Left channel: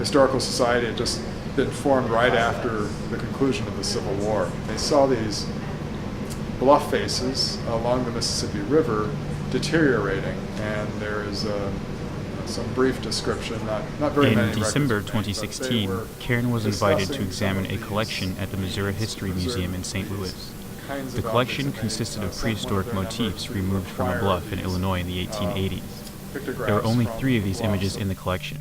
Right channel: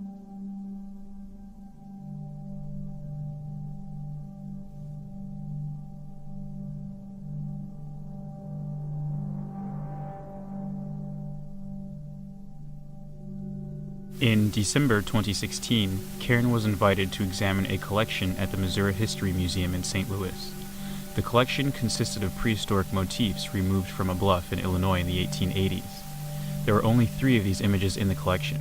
Historical Society had just been formed right after the conclusion of the Civil War. They saw these bluff faces along the Mississippi River deteriorating, and there is some brief description, not very many. In December 2016, CAIRN was invited to examine a collection at the Missouri History Museum in St. Louis. The collection consisted of prehistoric motifs removed from a bluff in Illinois in the 1880s. There were only 3 of these images in the collection.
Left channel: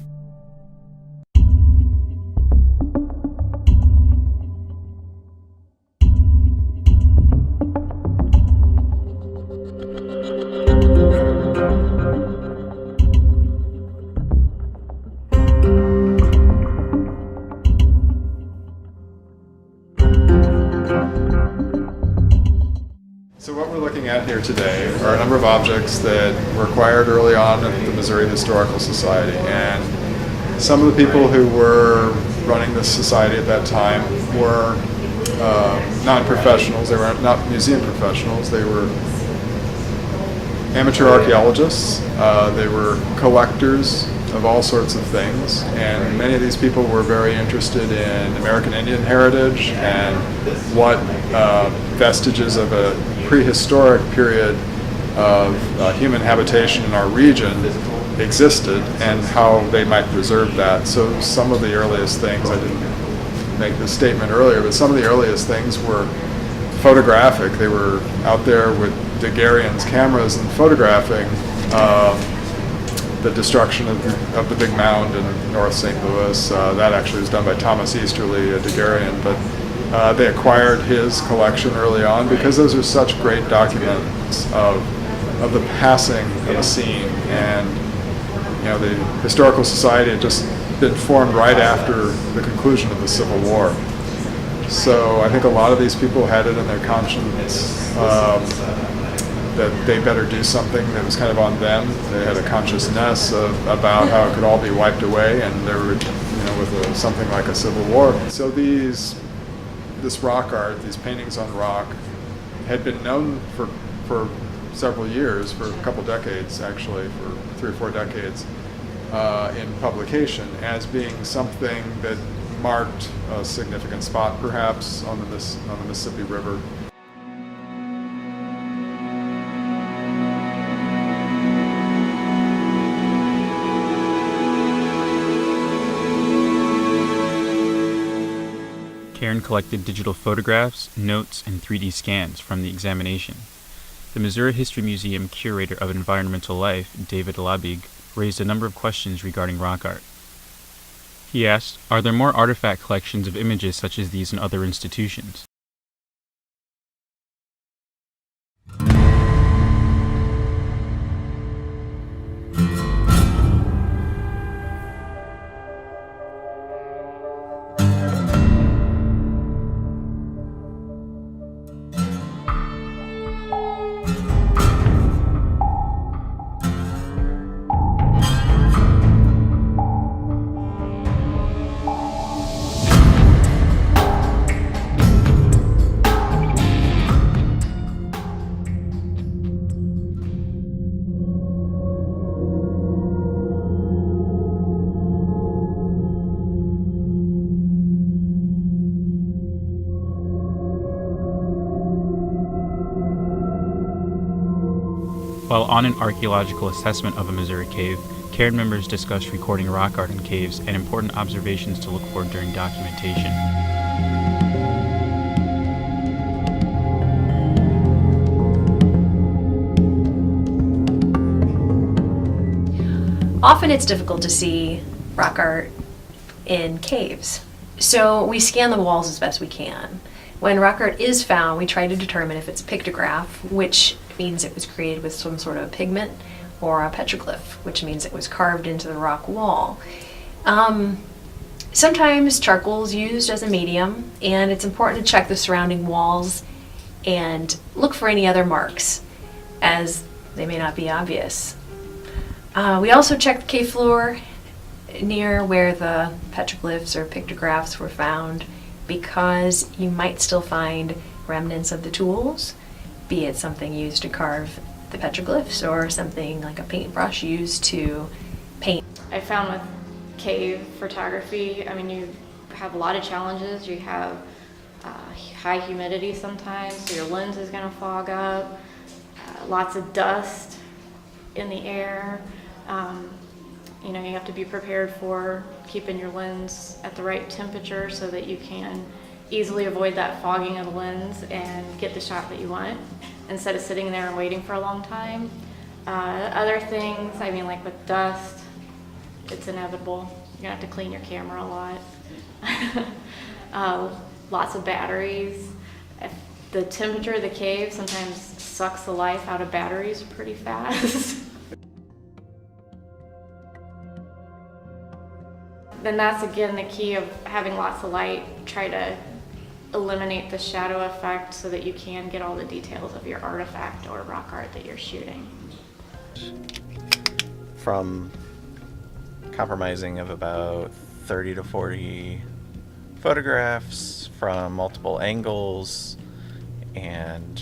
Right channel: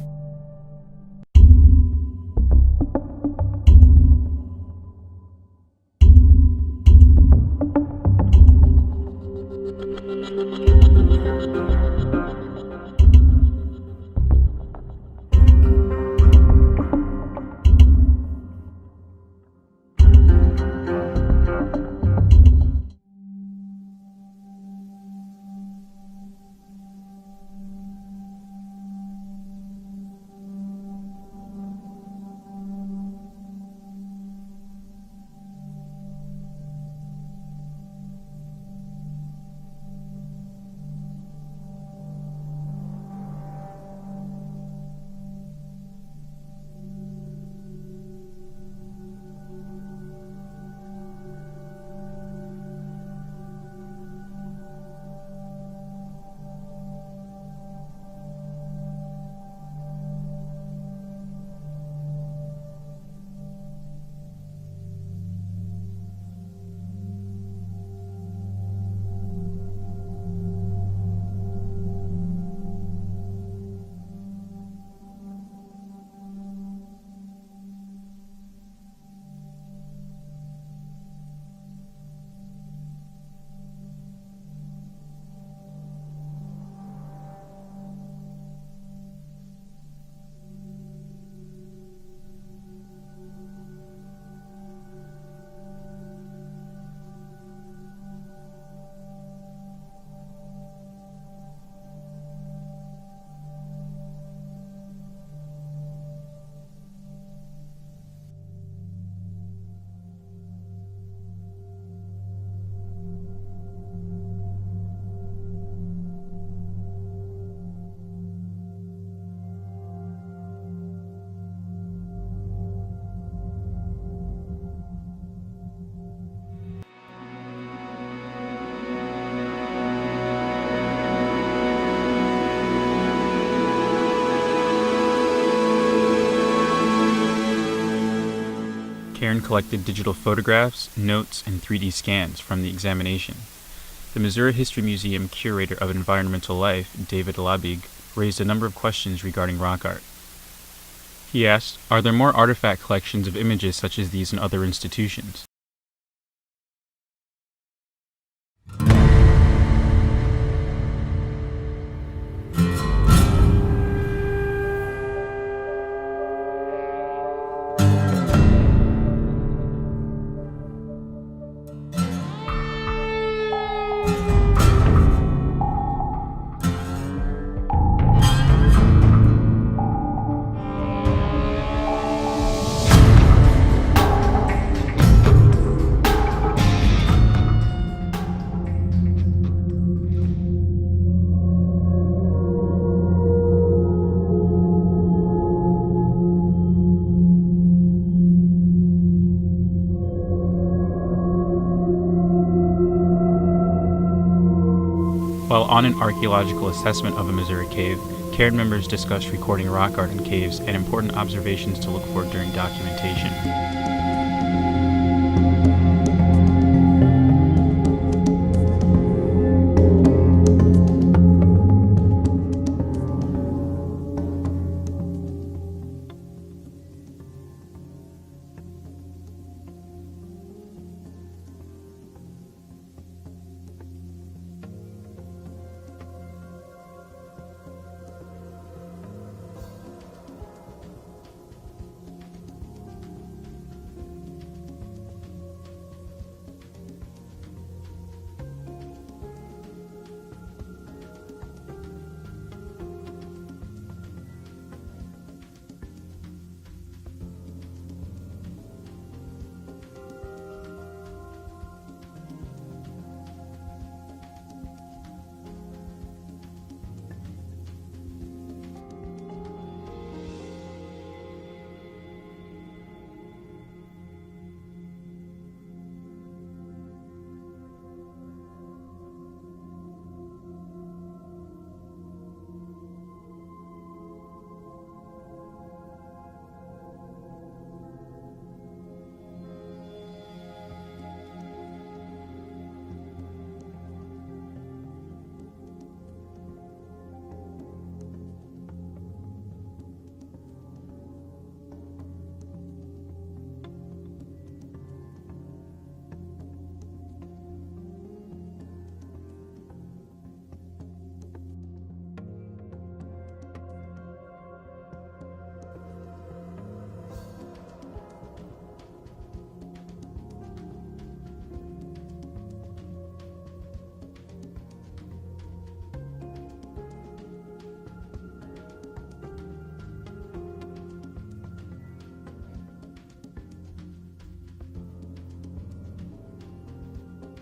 So what we're looking at here today are a number of objects that were acquired early on at the Missouri Historical Society, and some of the people who were running this society at that time were non-professionals. They were not museum professionals. They were amateur archaeologists. They were collectors of all sorts of things, and many of these people were very interested in American Indian heritage and what vestiges of a prehistoric period of human habitation in our region existed and how they might preserve that. So some of the earliest things, I didn't make this statement earlier, but some of the earliest things were photographic. They were out there with Daguerrean's cameras and photographing the destruction of the big mound in North St. Louis. That actually was done by Thomas Easterly, a Daguerrean, but they acquired his collection early on because those are such great documents of the passing of a scene. And the Historical Society had just been formed right after the conclusion of the Civil War. So I think a lot of these people had it in their conscience that they better do something that was kind of on them. They had a consciousness about how it could all be wiped away, and they were, with something like a civil war. So this rock art, these paintings on rock, had been known for several years, for a couple decades actually, for 3 or 4 decades, in publication as being something that marked a significant spot perhaps on the Mississippi River. CAIRN collected digital photographs, notes, and 3D scans from the examination. The Missouri History Museum Curator of Environmental Life, David Labig, raised a number of questions regarding rock art. He asked, are there more artifact collections of images such as these in other institutions? While on an archaeological assessment of a Missouri cave, CAIRN members discussed recording rock art in caves and important observations to look for during documentation. Often it's difficult to see rock art in caves, so we scan the walls as best we can. When rock art is found, we try to determine if it's a pictograph, which means it was created with some sort of pigment, or a petroglyph, which means it was carved into the rock wall. Sometimes charcoal is used as a medium, and it's important to check the surrounding walls and look for any other marks, as they may not be obvious. We also check the cave floor near where the petroglyphs or pictographs were found, because you might still find remnants of the tools, be it something used to carve the petroglyphs or something like a paintbrush used to paint. I found with cave photography, I mean, you have a lot of challenges. You have high humidity sometimes, so your lens is going to fog up, lots of dust in the air. You know, you have to be prepared for keeping your lens at the right temperature so that you can easily avoid that fogging of the lens and get the shot that you want instead of sitting there and waiting for a long time. Other things, I mean, like with dust, it's inevitable. You're gonna have to clean your camera a lot. Lots of batteries. If the temperature of the cave sometimes sucks the life out of batteries pretty fast. Then that's again the key of having lots of light. Try to eliminate the shadow effect so that you can get all the details of your artifact or rock art that you're shooting. From compromising of about 30 to 40 photographs from multiple angles and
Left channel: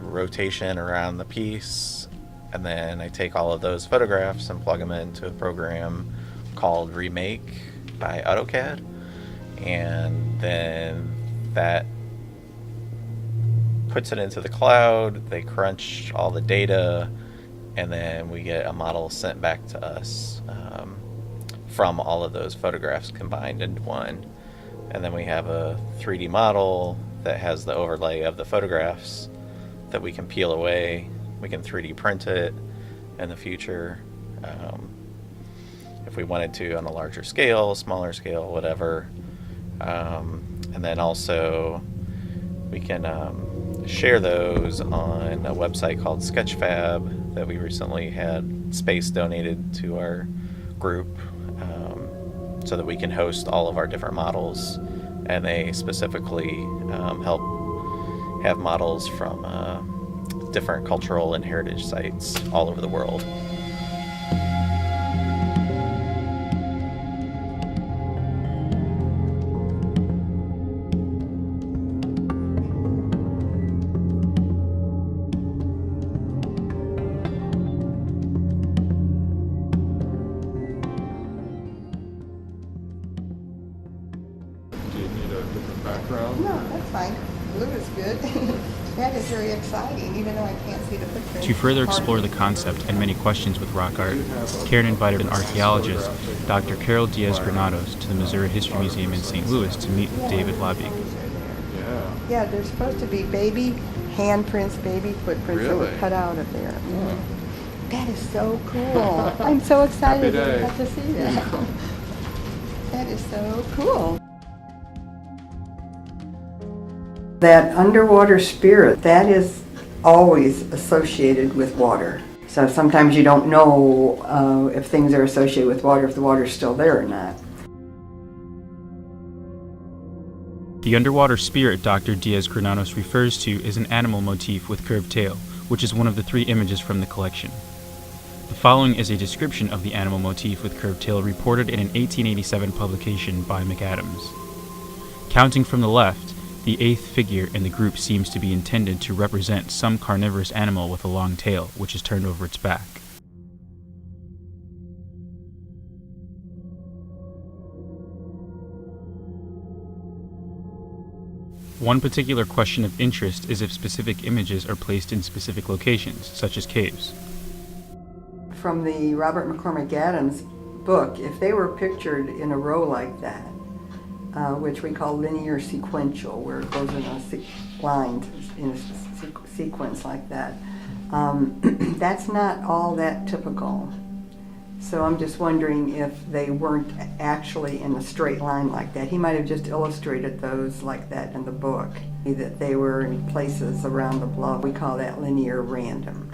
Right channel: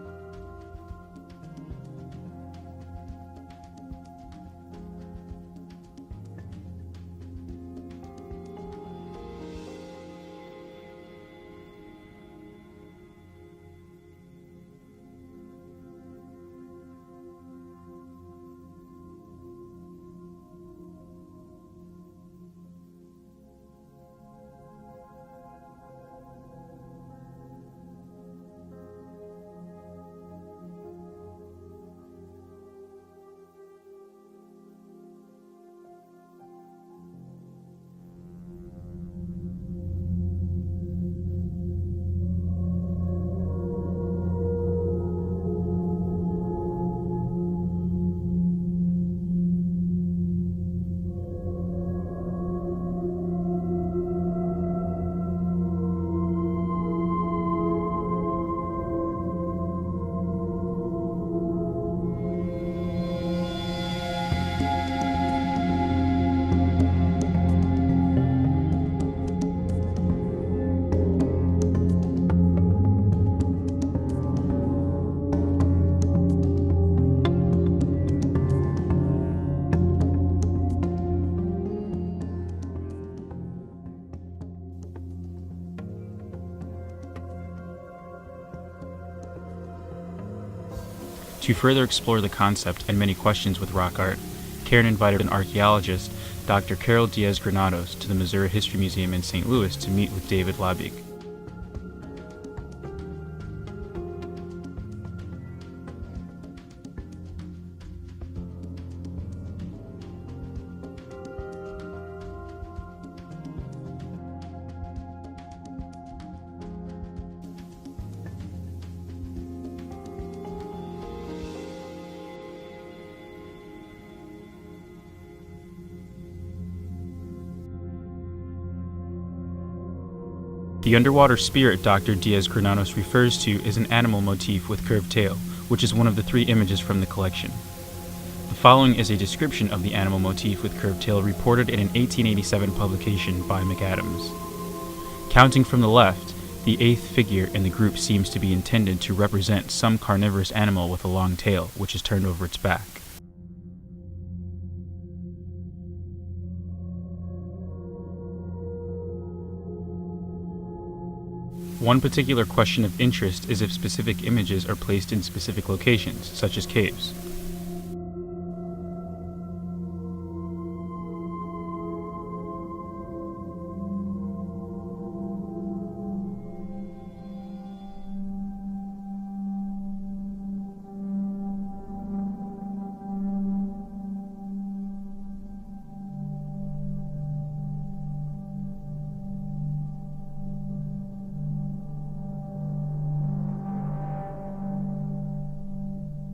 rotation around the piece, and then I take all of those photographs and plug them into a program called Remake by AutoCAD, and then that puts it into the cloud. They crunch all the data, and then we get a model sent back to us from all of those photographs combined into one. And then we have a 3D model that has the overlay of the photographs that we can peel away. We can 3D print it in the future if we wanted to, on a larger scale, smaller scale, whatever. And then also we can share those on a website called Sketchfab that we recently had space donated to our group, so that we can host all of our different models, and they specifically help have models from different cultural and heritage sites all over the world. No, that's fine. Blue is good. That is very exciting, even though I can't see the picture. To further explore the concept and many questions with rock art, CAIRN invited an archaeologist, Dr. Diaz Granados, to the Missouri History Museum in St. Louis to meet with David Labig. Yeah, there's supposed to be baby handprints, baby footprints that were Really? cut out of there. Yeah. That is so cool. I'm so excited Happy to day. get to see that. That is so cool. That underwater spirit, that is always associated with water. So sometimes you don't know if things are associated with water, if the water's still there or not. The underwater spirit Dr. Diaz Granados refers to is an animal motif with curved tail, which is one of the 3 images from the collection. The following is a description of the animal motif with curved tail reported in an 1887 publication by McAdams. Counting from the left, the 8th figure in the group seems to be intended to represent some carnivorous animal with a long tail, which is turned over its back. One particular question of interest is if specific images are placed in specific locations, such as caves. From the Robert McCormick Adams book, if they were pictured in a row like that, which we call linear sequential, where it goes in a line in a sequence like that, that's not all that typical. So I'm just wondering if they weren't actually in a straight line like that. He might have just illustrated those like that in the book, that they were in places around the bluff. We call that linear random.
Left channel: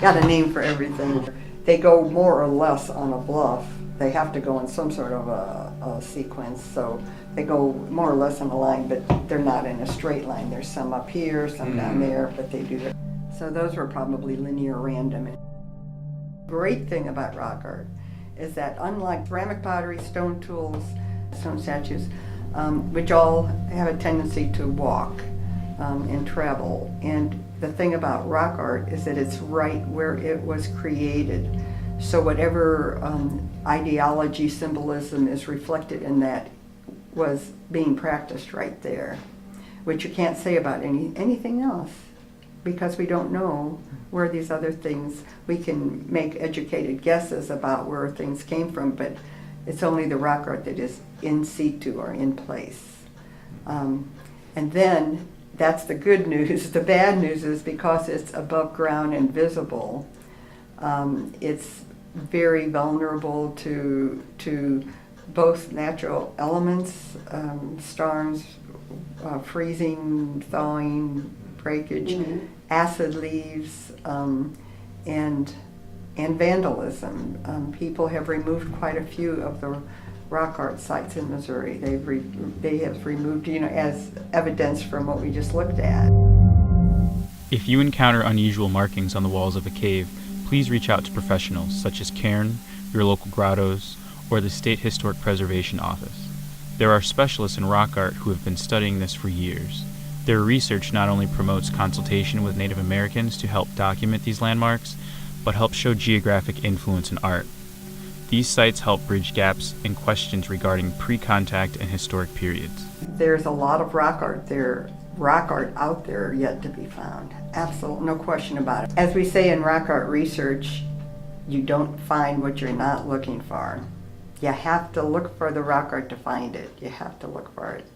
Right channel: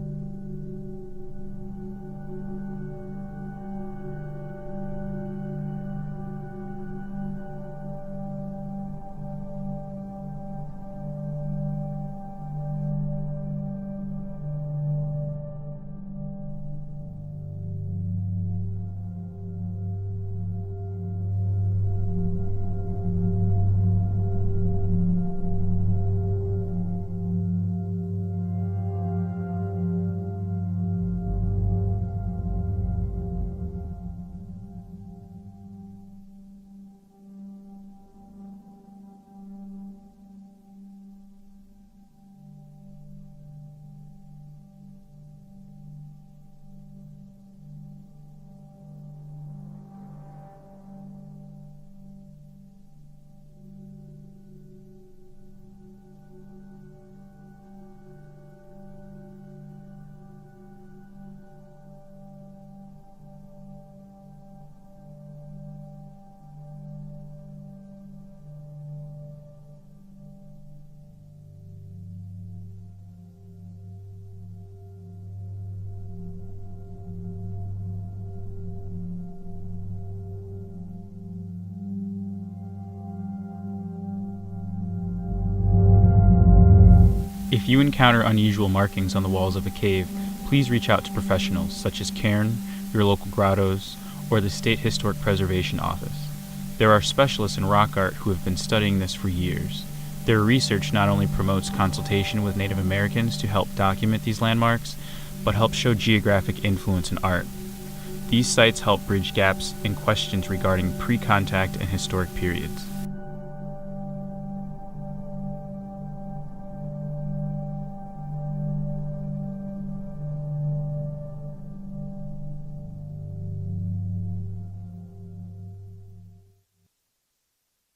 Got a name for everything. They go more or less on a bluff. They have to go in some sort of a sequence, so they go more or less on a line, but they're not in a straight line. There's some up here, some down there, but they do that. So those were probably linear random. Great thing about rock art is that unlike ceramic pottery, stone tools, stone statues, which all have a tendency to walk and travel, and the thing about rock art is that it's right where it was created. So whatever ideology, symbolism is reflected in that was being practiced right there, which you can't say about anything else, because we don't know where these other things, we can make educated guesses about where things came from, but it's only the rock art that is in situ or in place. And then that's the good news. The bad news is because it's above ground and visible, it's very vulnerable to both natural elements, storms, freezing, thawing, breakage, acid leaves, and vandalism. People have removed quite a few of the rock art sites in Missouri. They have removed, as evidence from what we just looked at. If you encounter unusual markings on the walls of a cave, please reach out to professionals such as CAIRN, your local grottos, or the State Historic Preservation Office. There are specialists in rock art who have been studying this for years. Their research not only promotes consultation with Native Americans to help document these landmarks, but helps show geographic influence in art. These sites help bridge gaps and questions regarding pre-contact and historic periods. There's a lot of rock art out there yet to be found. Absolutely, no question about it. As we say in rock art research, you don't find what you're not looking for. You have to look for the rock art to find it. You have to look for it.